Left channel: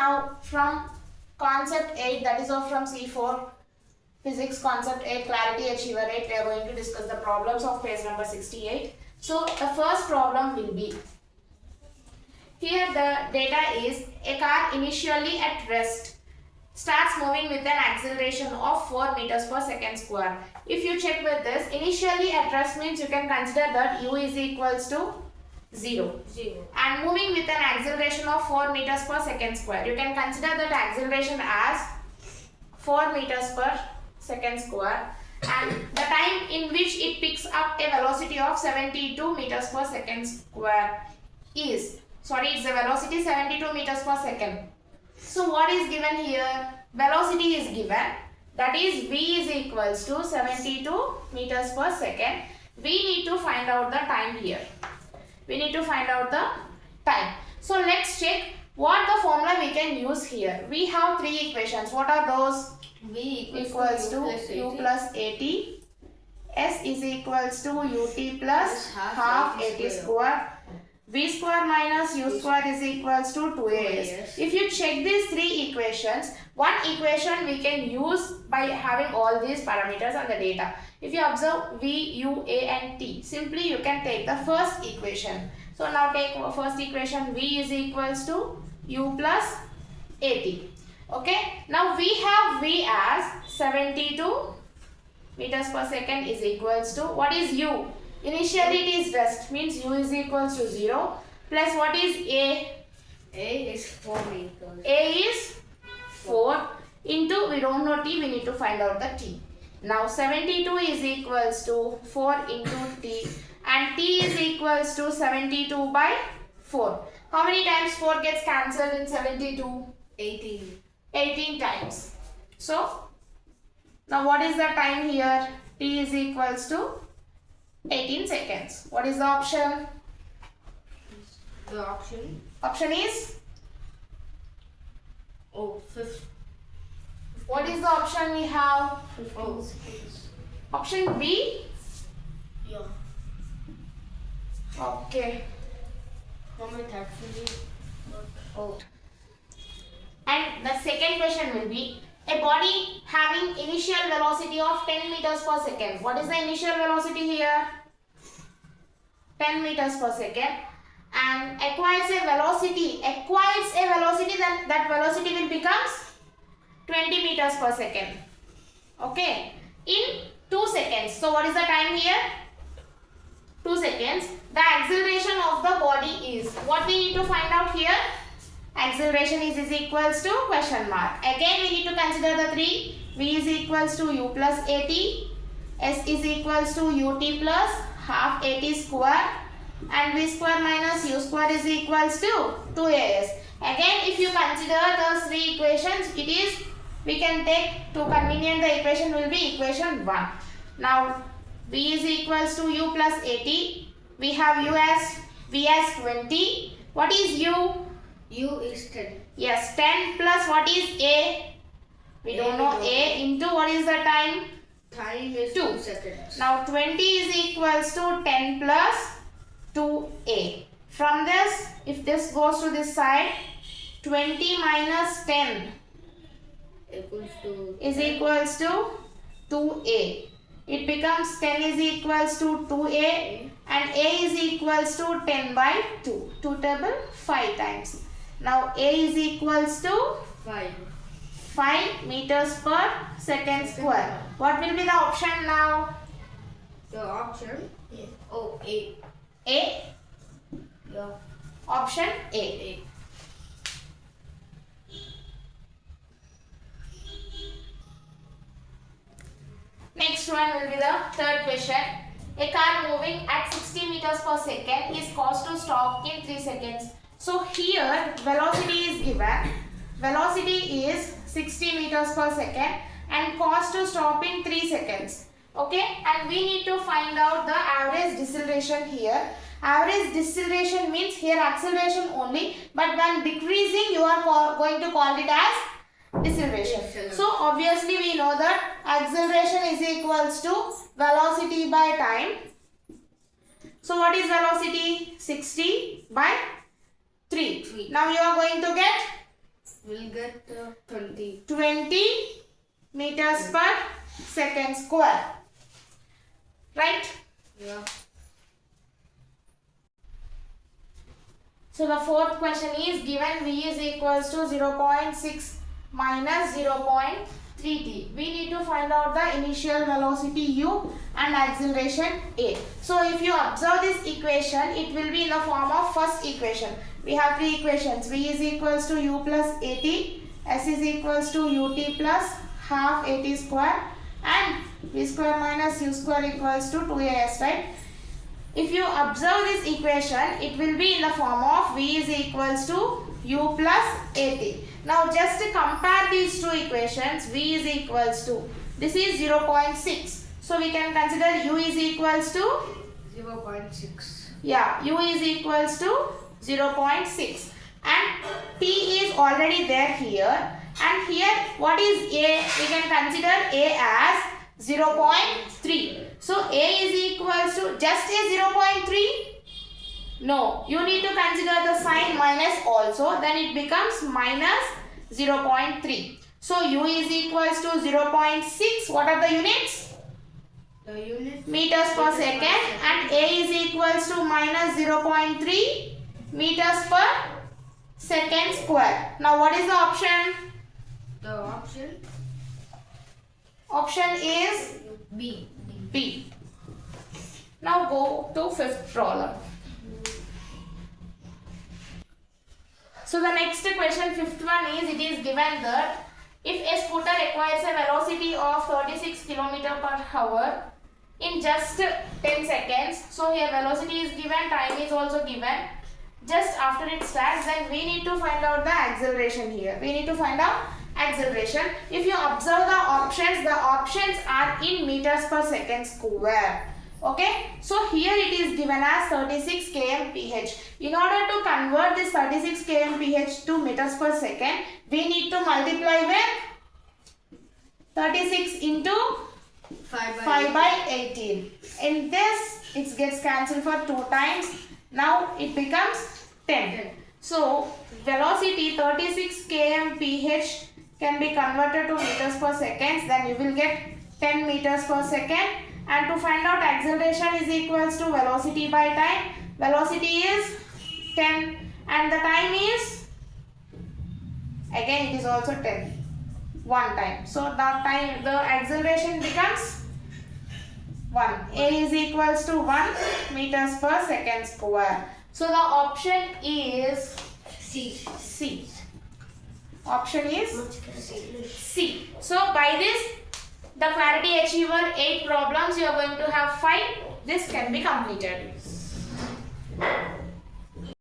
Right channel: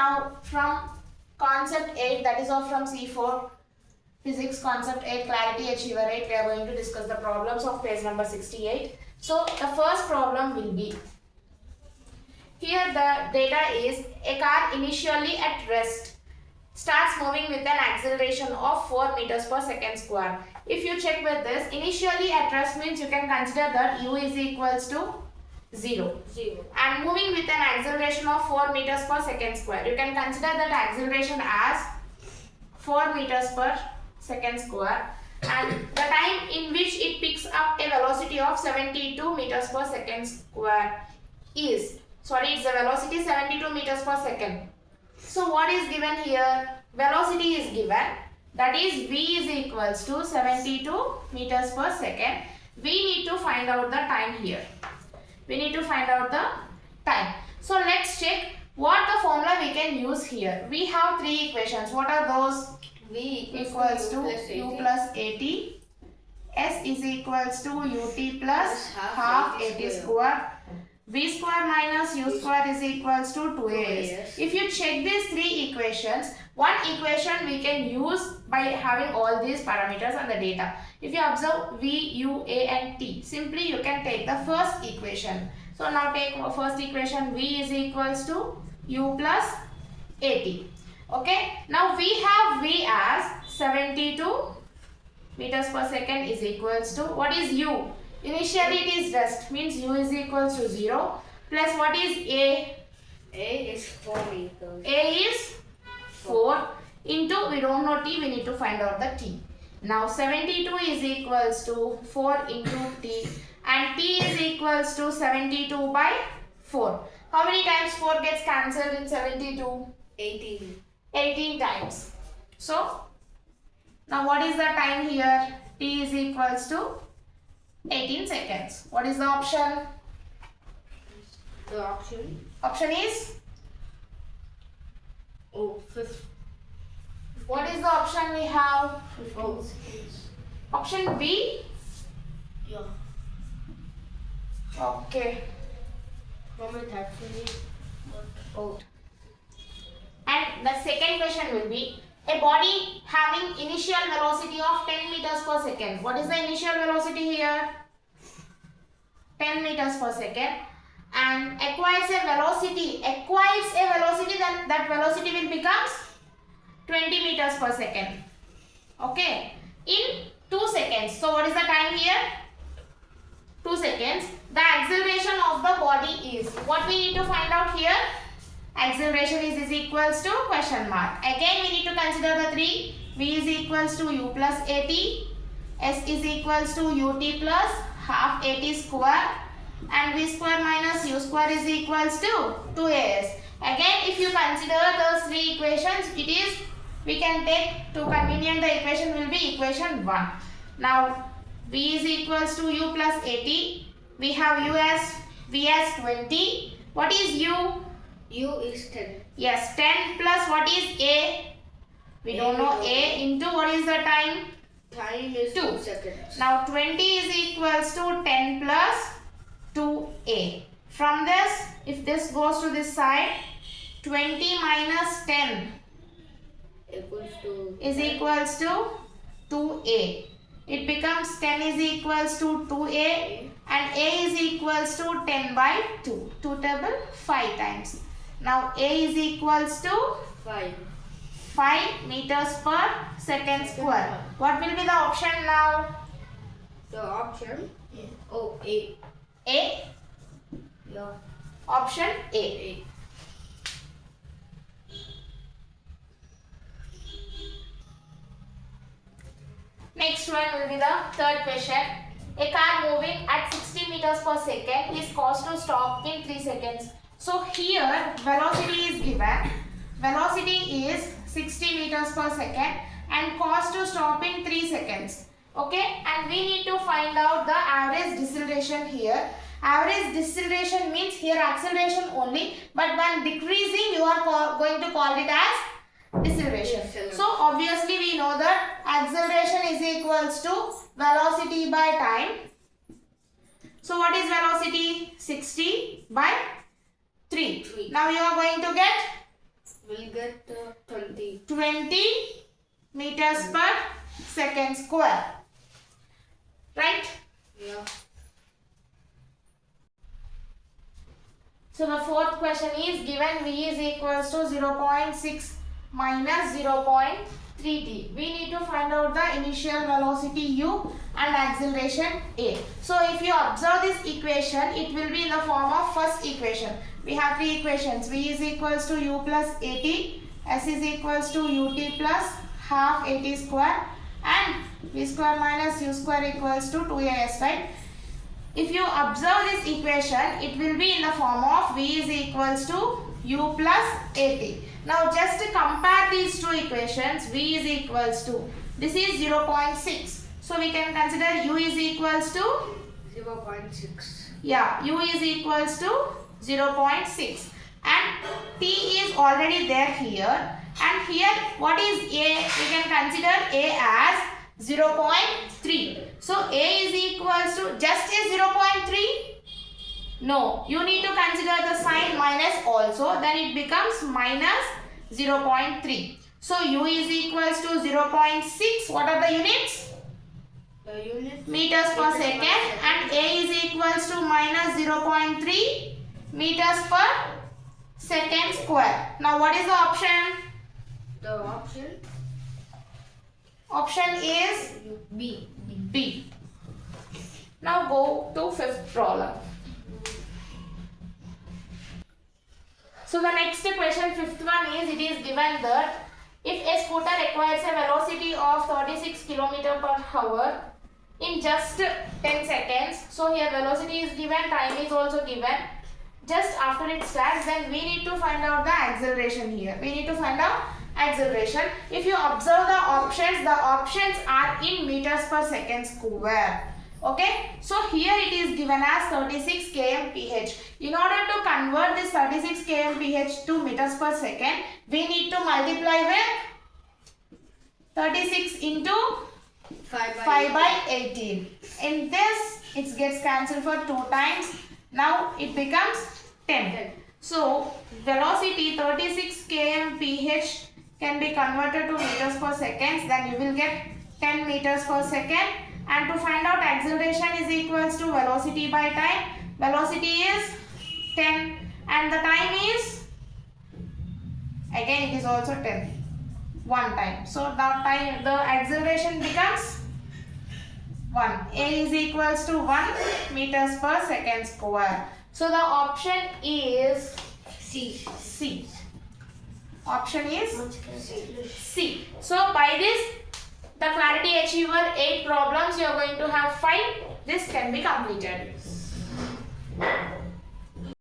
Now from concept 8, that is all from C4 physics concept 8 clarity achiever 8, we are going to discuss the problems of page number 68. So the first problem will be, here the data is a car initially at rest starts moving with an acceleration of 4 meters per second square. If you check with this, initially at rest means you can consider that u is equals to 0. And moving with an acceleration of 4 meters per second square, you can consider that acceleration as 4 meters per second square, and the time in which it picks up a velocity of 72 meters per second square is, it's a velocity 72 meters per second. So what is given here? Velocity is given, that is v is equals to 72 meters per second. We need to find out the time here. We need to find out the time. So let's check what the formula we can use here. We have three equations. What are those? V equals to u plus at. S is equals to ut plus half at square. V square minus u square is equals to 2as. If you check these three equations, one equation we can use by having all these parameters and the data. If you observe v, u, a and t, simply you can take the first equation. So now take first equation, v is equals to u plus at. Okay, now we have v as 72 meters per second is equals to, what is u? Initially it is rest, means u is equals to 0, plus what is a? A is 4 meters. A is 4 into, we don't know t, we need to find out the t. Now 72 is equals to 4 into t, and t is equals to 72 by 4. How many times 4 gets cancelled in 72? 18. 18 times. So now what is the time here? T is equals to 18 seconds. What is the option? The option? Option is? Oh, 50. What is the option we have? Oh, Option B? yeah. Okay. Moment actually. Oh. And the second question will be, a body having initial velocity of 10 meters per second. What is the initial velocity here? 10 meters per second. And acquires a velocity, then that velocity will becomes 20 meters per second. Okay. In 2 seconds. So what is the time here? 2 seconds. The acceleration of the body is, what we need to find out here? Acceleration is equals to question mark. Again we need to consider the three. V is equals to u plus at. S is equals to ut plus half at square. And v square minus u square is equals to 2as. Again if you consider those three equations, it is, we can take, to convenient the equation will be equation 1. Now v is equals to u plus at. We have u as, v as 20. What is u? U is 10. Yes, 10 plus what is a? We don't know a into what is the time? Time is 2 seconds. Now 20 is equals to 10 plus 2a. From this, if this goes to this side, 20 minus 10 Equals to is equals to 2a. It becomes 10 is equals to 2a, and a is equals to 10 by 2. 2 table 5 times. Now a is equals to 5 meters per second square. What will be the option now? The option? Oh, A. A? Yeah. Option A. Next one will be the third question. A car moving at 60 meters per second is caused to stop in 3 seconds. So here velocity is given. Velocity is 60 meters per second and caused to stop in 3 seconds. Okay, and we need to find out the average deceleration here. Average deceleration means here acceleration only, but when decreasing you are going to call it as deceleration. So obviously we know that acceleration is equals to velocity by time. So what is velocity? 60 by 3. Now you are going to get We'll get 20. 20 meters per second square. Right? Yeah. So the fourth question is given V is equals to 0.6 minus 0.3t. We need to find out the initial velocity u and acceleration a. So if you observe this equation, it will be in the form of first equation. We have three equations. V is equals to u plus at, s is equals to ut plus half at square, and v square minus u square equals to 2as, right? If you observe this equation, it will be in the form of v is equals to u plus at. Now just to compare these two equations, v is equals to, this is 0.6. So we can consider u is equals to 0.6. Yeah, u is equals to 0.6 and t is already there here, and here what is a? We can consider a as 0.3. So a is equals to just a 0.3? No, you need to consider the sign minus also, then it becomes minus 0.3. So u is equals to 0.6. What are the units? The unit Meters per second, and a is equals to minus 0.3 meters per second square. Now what is the option? The option Option is B. B. Now go to fifth problem. So the next question, fifth one is, it is given that if a scooter acquires a velocity of 36 km per hour in just 10 seconds. So here velocity is given, time is also given. Just after it starts, then we need to find out the acceleration here. We need to find out acceleration. If you observe the options are in meters per second square. Okay, so here it is given as 36 kmph. In order to convert this 36 kmph to meters per second, we need to multiply with 36 into 5 by 18. In this, it gets cancelled for 2 times. Now it becomes 10. So velocity 36 kmph can be converted to meters per second. Then you will get 10 meters per second. And to find out acceleration is equals to velocity by time. Velocity is 10 and the time is, again it is also 10. 1 time. So the acceleration becomes 1. A is equals to 1 meters per second square. So the option is C. Option is C. So by this, the clarity achiever 8 problems, you are going to have 5. This can be completed.